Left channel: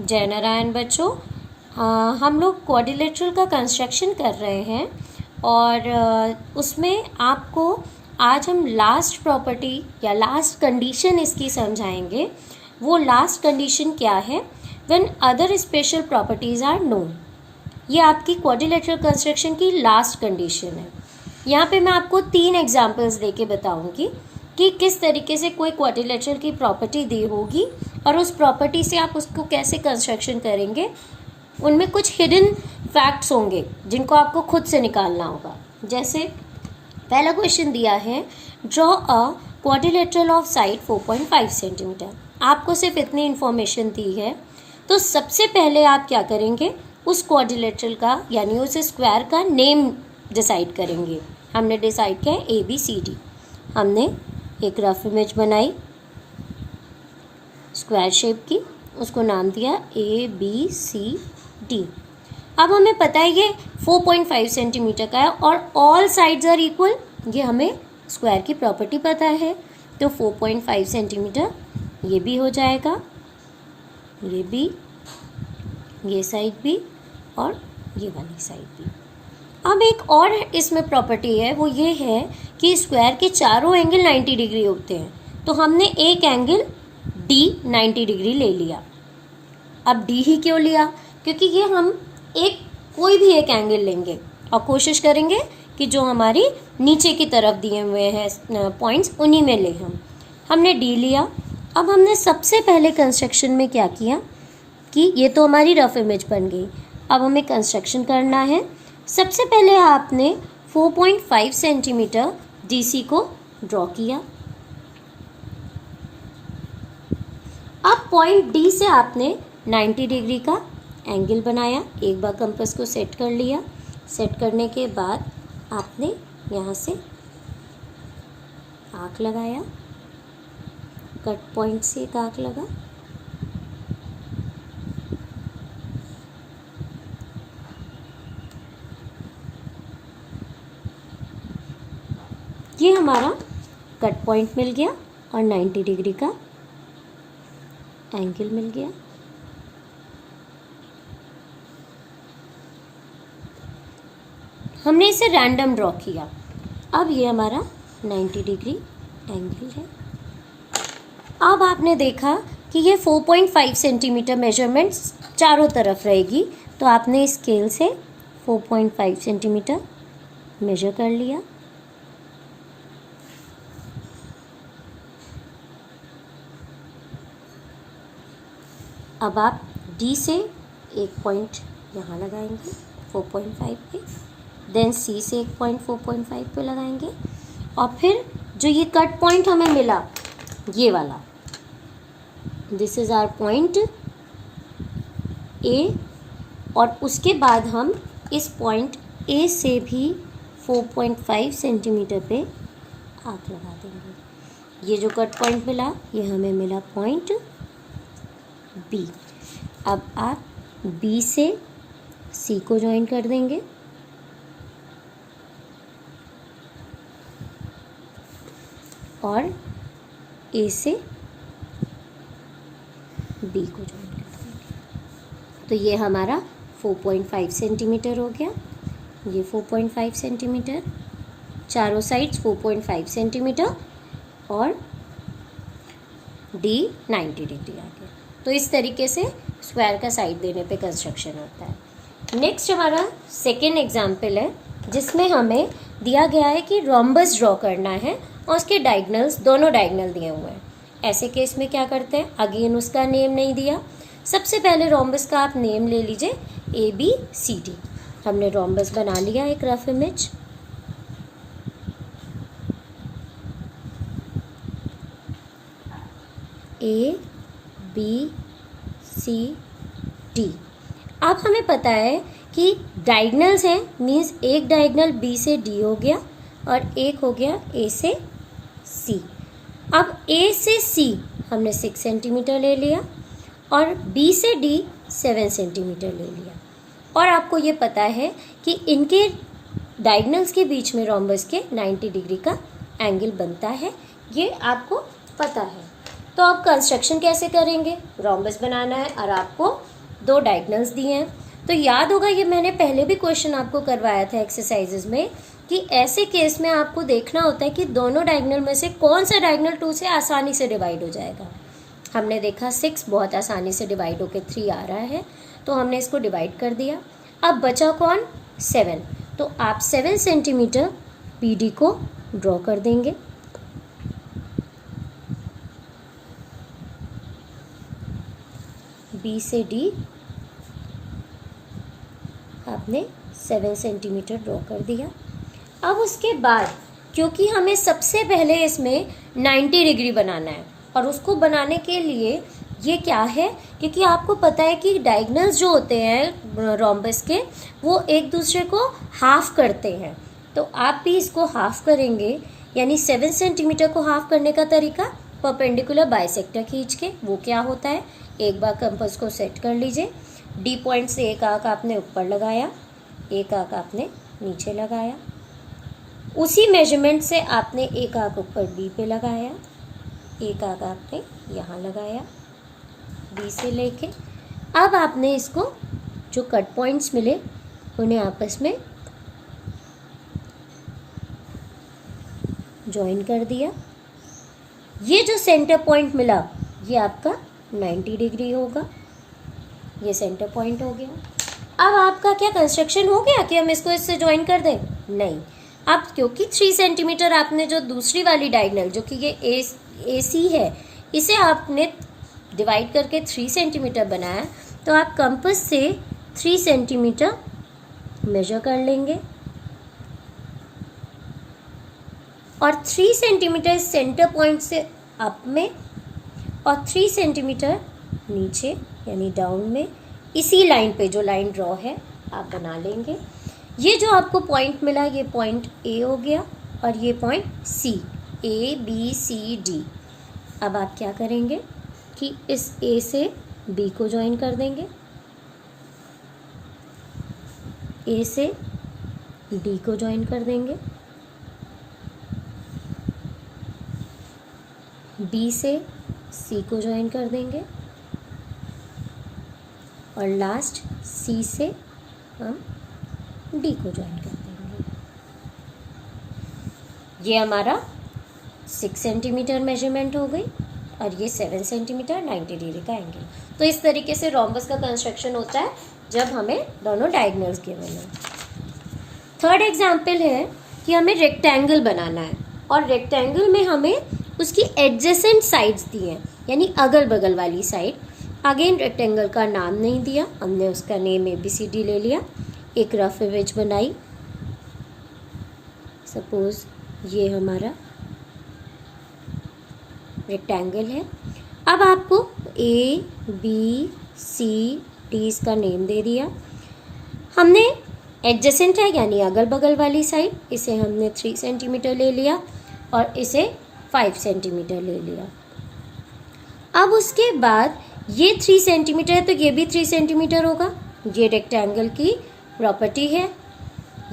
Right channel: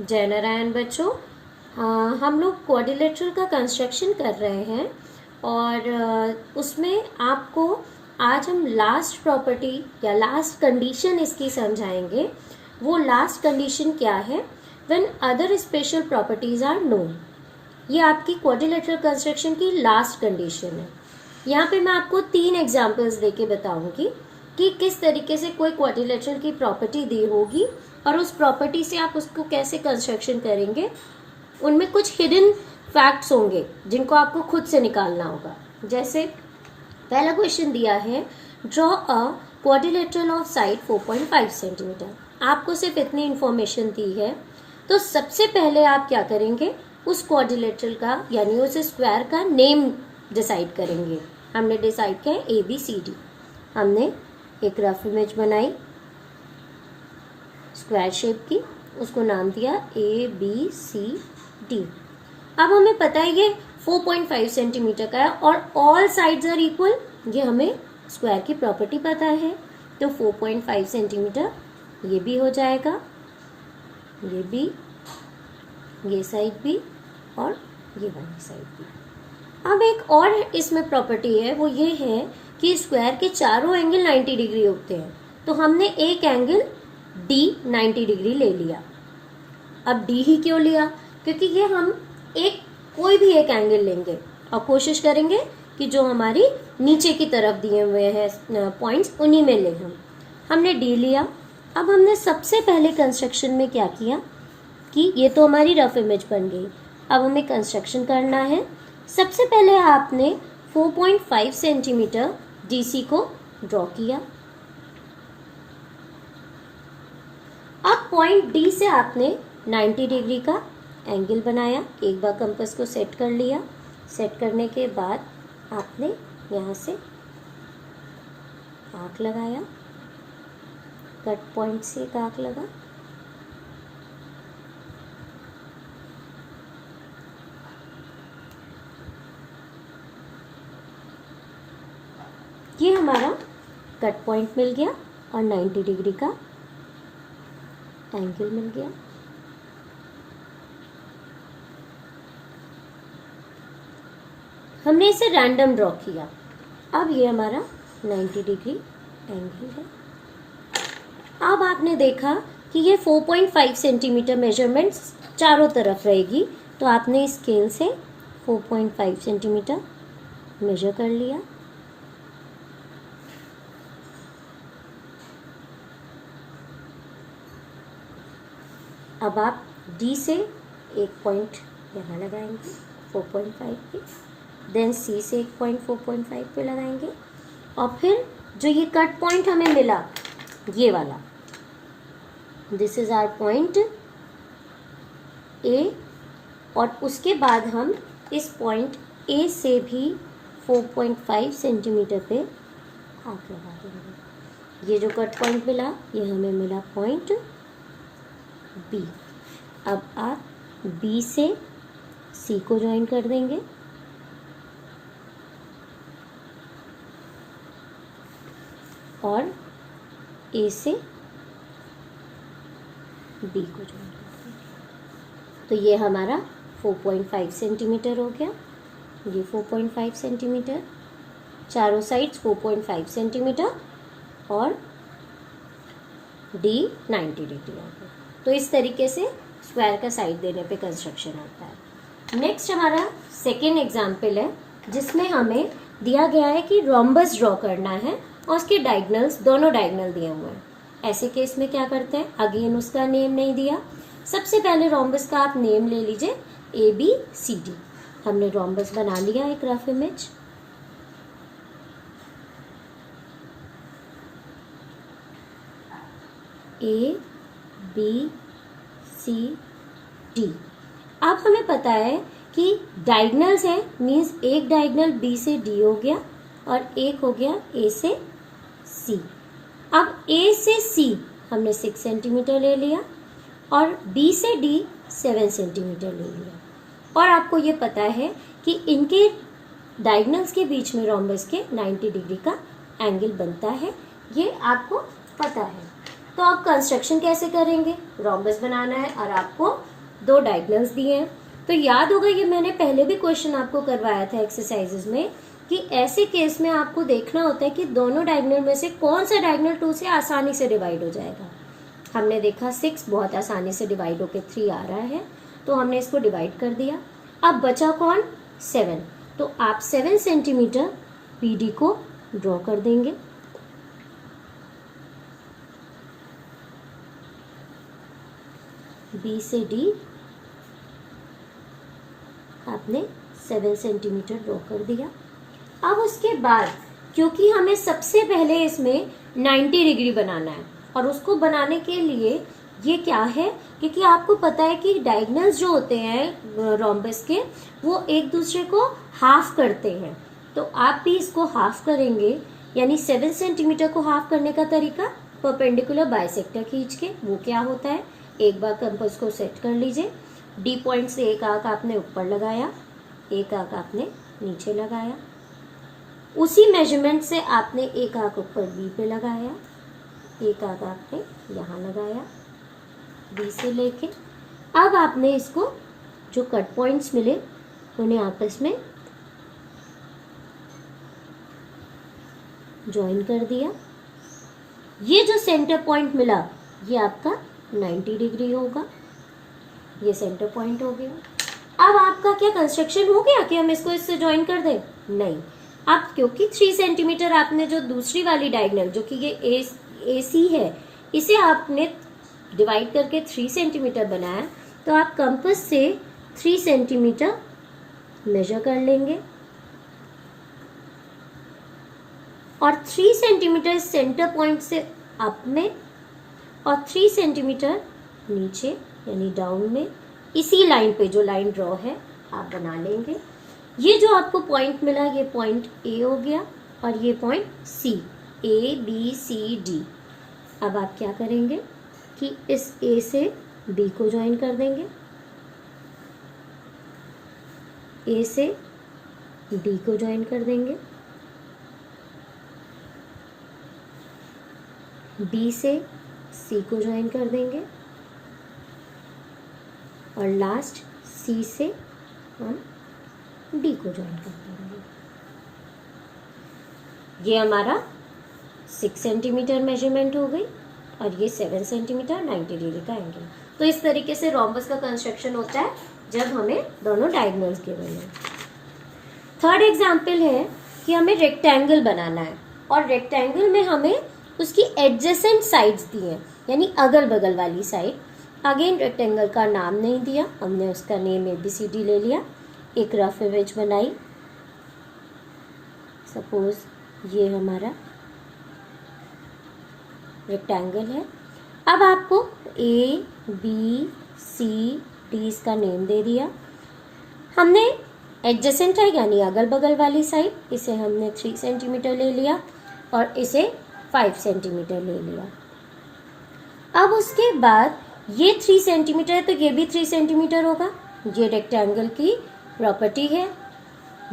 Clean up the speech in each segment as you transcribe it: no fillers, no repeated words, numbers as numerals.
जय नारायण बच्चों। हम लोग क्वाड्रिलेटरल का कंस्ट्रक्शन कर रहे हैं और उसमें आपको आज हम लास्ट प्रॉपर्टी या लास्ट कंडीशन इसकी समझाएंगे। वो लास्ट कंडीशन क्या है? When other special properties are known. ये आपकी क्वाड्रिलेटरल कंस्ट्रक्शन की लास्ट कंडीशन है। यहाँ पे मैं आपको 3 एग्जाम्पल्स देके बताऊंगी कि किस तरीके से कोई क्वाड्रिलेटरल की प्रॉपर्टी दी होगी और उस प्रॉपर्टी से आप उसको कैसे कंस्ट्रक्शन करेंगे। उनमें कुछ हिडन फैक्ट्स होंगे जिनको आपको खुद से निकालना होगा। जैसे पहला क्वेश्चन दिया है, draw a quadrilateral of side 4.5 centimetre. आपको सिर्फ इतनी इंफॉर्मेशन दी है, तो सबसे पहले आप क्या करेंगे, उस क्वाड्रिलेटरल का यानी उस स्क्वायर का नेम डिसाइड करेंगे। हमने डिसाइड किया है ABCD। हमने एक रफ इमेज बनाई स्क्वायर शेप की, उसको नाम दिया ABCD। अब हमें पता है ये 4.5 सेंटीमीटर का है और ऑल साइड्स आर इक्वल। ये हमें स्क्वायर की प्रॉपर्टी पता है, तो 4.5 सेंटीमीटर ये भी हो जाएगा, ये भी, ये साइड भी और ये वाली साइड भी। अब एक और इसमें प्रॉपर्टी है, वो ये है कि स्क्वायर के चारों एंगल 90 डिग्री होते हैं। तो हमने एक एंगल D 90 डिग्री ले लिया। अब D ही क्यों लिया? क्योंकि ये हम कोई भी एक एंगल लेंगे और कोशिश करेंगे कि जो हमारी नीचे की तरफ दिए हुए हैं पॉइंट्स उन्हीं में ले। हमने D लिया। अब हमने सबसे पहले कंस्ट्रक्शन में क्या किया कि ये तो हमारी रफ इमेज बन गई। अब हमें कंस्ट्रक्शन करना है। सबसे पहले आपने 4.5 सेंटीमीटर DC को ड्रॉ किया। अब पॉइंट D से आपने 90 डिग्री का एंगल बनाया। एक बार कंपास को सेट कर लिया। सेट करने के बाद आपने यहाँ से आर्क लगाया, कट पॉइंट से एक आर्क लगा। ये हमारा कट पॉइंट मिल गया और 90 डिग्री का एंगल मिल गया। हमने इसे रैंडम ड्रॉ किया। अब ये हमारा 90 डिग्री एंगल है। अब आपने देखा कि ये 4.5 सेंटीमीटर मेजरमेंट्स चारों तरफ रहेगी, तो आपने स्केल से 4.5 सेंटीमीटर मेजर कर लिया। अब आप D से एक पॉइंट यहाँ लगाएंगे 4.5 पे, देन C से एक पॉइंट 4.5 पे लगाएंगे और फिर जो ये कट पॉइंट हमें मिला ये वाला, this is our point A, और उसके बाद हम इस पॉइंट A से भी 4.5 सेंटीमीटर पे आर्क लगा देंगे। ये जो कट पॉइंट मिला ये हमें मिला पॉइंट B। अब आप B से C को ज्वाइन कर देंगे और A से B को ज्वाइन कर देंगे। तो ये हमारा 4.5 सेंटीमीटर हो गया। ये 4.5 सेंटीमीटर, चारों साइड्स 4.5 सेंटीमीटर और D 90 डिग्री आ गया। तो इस तरीके से स्क्वायर का साइड देने पे कंस्ट्रक्शन होता है। नेक्स्ट हमारा सेकेंड एग्जाम्पल है, जिसमें हमें दिया गया है कि रोम्बस ड्रॉ करना है और उसके डायगनल्स, दोनों डायगनल दिए हुए हैं। ऐसे केस में क्या करते हैं, अगेन उसका नेम नहीं दिया। सबसे पहले रोम्बस का आप नेम ले लीजिए ABCD। हमने रोम्बस बना लिया एक रफ इमेज। ABCD। अब हमें पता है कि डायगनल्स हैं, मीन्स एक डायगनल B से D हो गया और एक हो गया A से C। अब A से C हमने 6 सेंटीमीटर ले लिया और B से D 7 सेंटीमीटर ले लिया। और आपको ये पता है कि इनके डायगनल्स के बीच में रोम्बस के 90 डिग्री का एंगल बनता है, ये आपको पता है। तो आप कंस्ट्रक्शन कैसे करेंगे, रोम्बस बनाना है और आपको दो डायगनल्स दिए हैं। तो याद होगा ये मैंने पहले भी क्वेश्चन आपको करवाया था एक्सरसाइजेज में कि ऐसे केस में आपको देखना होता है कि दोनों डायगनल में से कौन सा डायगनल 2 से आसानी से डिवाइड हो जाएगा। हमने देखा 6 बहुत आसानी से डिवाइड होकर 3 आ रहा है, तो हमने इसको डिवाइड कर दिया। अब बचा कौन? 7। तो आप 7 सेंटीमीटर BD को ड्रॉ कर देंगे। B से D आपने 7 सेंटीमीटर ड्रॉ कर दिया। अब उसके बाद क्योंकि हमें सबसे पहले इसमें 90 डिग्री बनाना है और उसको बनाने के लिए ये क्या है, क्योंकि आपको पता है कि डायगनल्स जो होते हैं रोम्बस के वो एक दूसरे को हाफ करते हैं, तो आप भी इसको हाफ करेंगे। यानी 7 सेंटीमीटर को हाफ करने का तरीका परपेंडिकुलर बाइसेक्टर खींच के, वो क्या होता है, एक बार कंपास को सेट कर लीजिए। D पॉइंट से एक आंख आपने ऊपर लगाया, एक आंख आपने नीचे लगाया, उसी मेजरमेंट से आपने एक आंख ऊपर B पे लगाया, एक आंख आपने यहाँ लगाया B से लेके। अब आपने इसको जो कट पॉइंट्स मिले उन्हें आपस में ज्वाइन कर दिया। ये जो सेंटर पॉइंट मिला ये आपका 90 डिग्री होगा, ये सेंटर पॉइंट हो गया। अब आपका क्या कंस्ट्रक्शन हो गया कि हम इसको इससे ज्वाइन कर दें? नहीं, आप क्योंकि 3 सेंटीमीटर आपने जो दूसरी वाली डायगनल जो कि ये AC है इसे आपने डिवाइड करके 3 सेंटीमीटर बनाया, तो आप कंपास से 3 सेंटीमीटर मेजर कर लेंगे और 3 सेंटीमीटर सेंटर पॉइंट से अप में और 3 सेंटीमीटर नीचे यानी डाउन में, इसी लाइन पे जो लाइन ड्रॉ है आप बना लेंगे। ये जो आपको पॉइंट मिला ये पॉइंट A हो गया और ये पॉइंट C, ABCD। अब आप क्या करेंगे कि इस A से B को ज्वाइन कर देंगे, A से D को ज्वाइन कर देंगे, B से C को ज्वाइन कर देंगे और लास्ट C से हम D को ज्वाइन कर देंगे। ये हमारा 6 सेंटीमीटर मेजरमेंट हो गई और ये 7 सेंटीमीटर 90 डिग्री का एंगल। तो इस तरीके से रोम्बस का कंस्ट्रक्शन होता है जब हमें दोनों डायगोनल्स गिवन है। थर्ड एग्जाम्पल है कि हमें रेक्टेंगल बनाना है और रेक्टेंगल में हमें उसकी एडजेसेंट साइड्स दी हैं, यानी अगल बगल वाली साइड। अगेन रेक्टेंगल का नाम नहीं दिया, हमने उसका नेम ABCD ले लिया, एक रफ इमेज बनाई। सपोज ये हमारा रेक्टेंगल है। अब आपको ABCD इसका नेम दे दिया। हमने एडजेसेंट है यानी अगल बगल वाली साइड, इसे हमने 3 सेंटीमीटर ले लिया और इसे 5 सेंटीमीटर ले लिया। अब उसके बाद ये 3 सेंटीमीटर है तो ये भी 3 सेंटीमीटर होगा, ये रेक्टेंगल की प्रॉपर्टी है।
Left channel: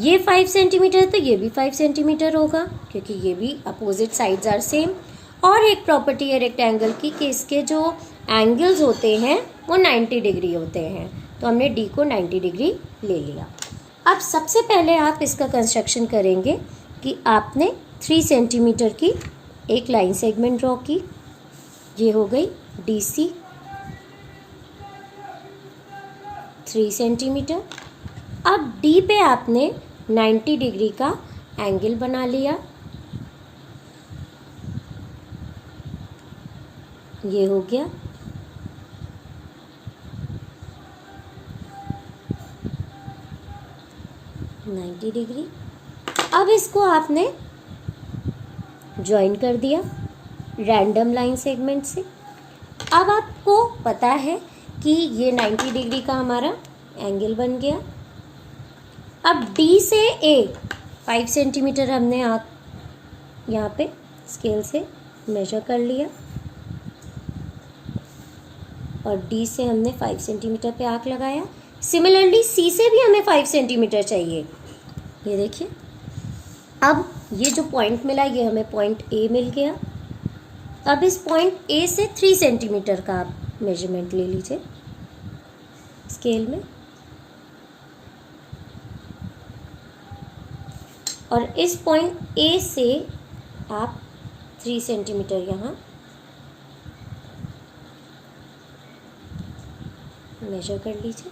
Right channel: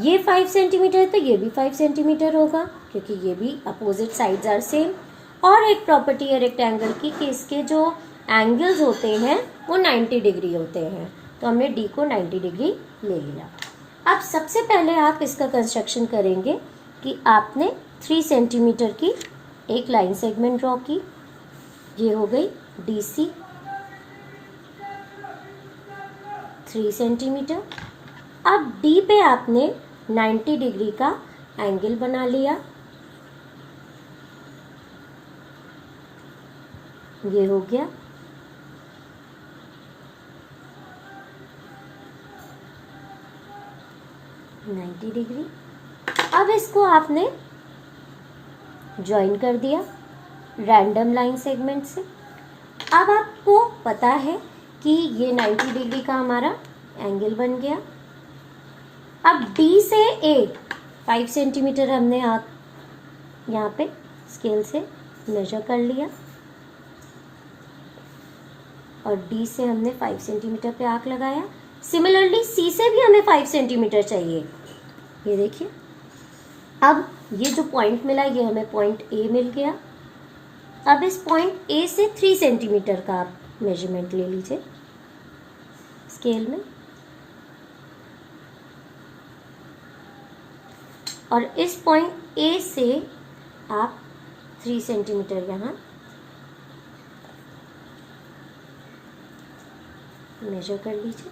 ये 5 सेंटीमीटर है तो ये भी 5 सेंटीमीटर होगा क्योंकि ये भी अपोजिट साइड्स आर सेम। और एक प्रॉपर्टी है रेक्टेंगल की कि इसके जो एंगल्स होते हैं वो 90 डिग्री होते हैं, तो हमने D को 90 डिग्री ले लिया। अब सबसे पहले आप इसका कंस्ट्रक्शन करेंगे कि आपने 3 सेंटीमीटर की एक लाइन सेगमेंट ड्रॉ की, ये हो गई DC 3 सेंटीमीटर। अब D पे आपने 90 डिग्री का एंगल बना लिया, ये हो गया। Ninety degree. अब इसको आपने ज्वाइन कर दिया रैंडम लाइन सेगमेंट से। अब आपको पता है कि ये 90 डिग्री का हमारा एंगल बन गया। अब D से A 5 सेंटीमीटर हमने आप यहाँ पे स्केल से मेजर कर लिया और D से हमने 5 सेंटीमीटर पे आर्क लगाया। सिमिलरली C से भी हमें 5 सेंटीमीटर चाहिए। ये देखिए, अब ये जो पॉइंट मिला ये हमें पॉइंट A मिल गया। अब इस पॉइंट A से 3 सेंटीमीटर का आप मेजरमेंट ले लीजिए। स्केल में, और इस पॉइंट ए से आप 3 सेंटीमीटर यहाँ मेजर कर लीजिए।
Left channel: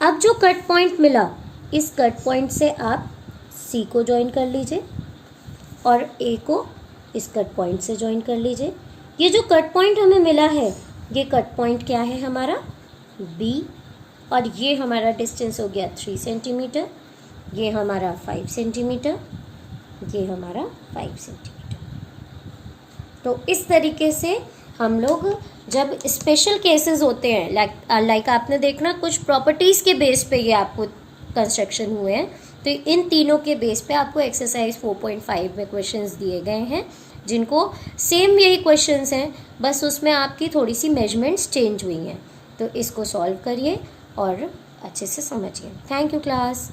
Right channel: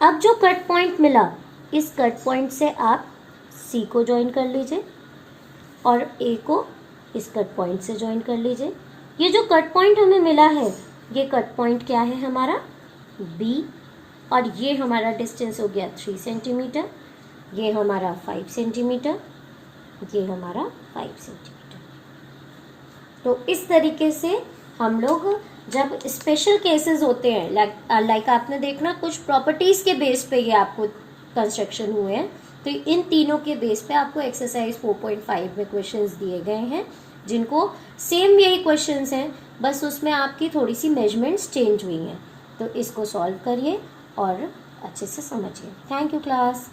अब जो कट पॉइंट मिला, इस कट पॉइंट से आप सी को ज्वाइन कर लीजिए और ए को इस कट पॉइंट से ज्वाइन कर लीजिए। ये जो कट पॉइंट हमें मिला है, ये कट पॉइंट क्या है हमारा, बी, और ये हमारा डिस्टेंस हो गया 3 सेंटीमीटर, ये हमारा 5 सेंटीमीटर, ये हमारा 5 सेंटीमीटर। तो इस तरीके से हम लोग जब स्पेशल केसेस होते हैं, लाइक आपने देखना कुछ प्रॉपर्टीज़ के बेस पे ये आपको कंस्ट्रक्शन हुए हैं, तो इन तीनों के बेस पे आपको एक्सरसाइज 4.5 में क्वेश्चंस दिए गए हैं, जिनको सेम यही क्वेश्चंस हैं, बस उसमें आपकी थोड़ी सी मेजरमेंट्स चेंज हुई हैं। तो इसको सॉल्व करिए और अच्छे से समझिए। Thank you class.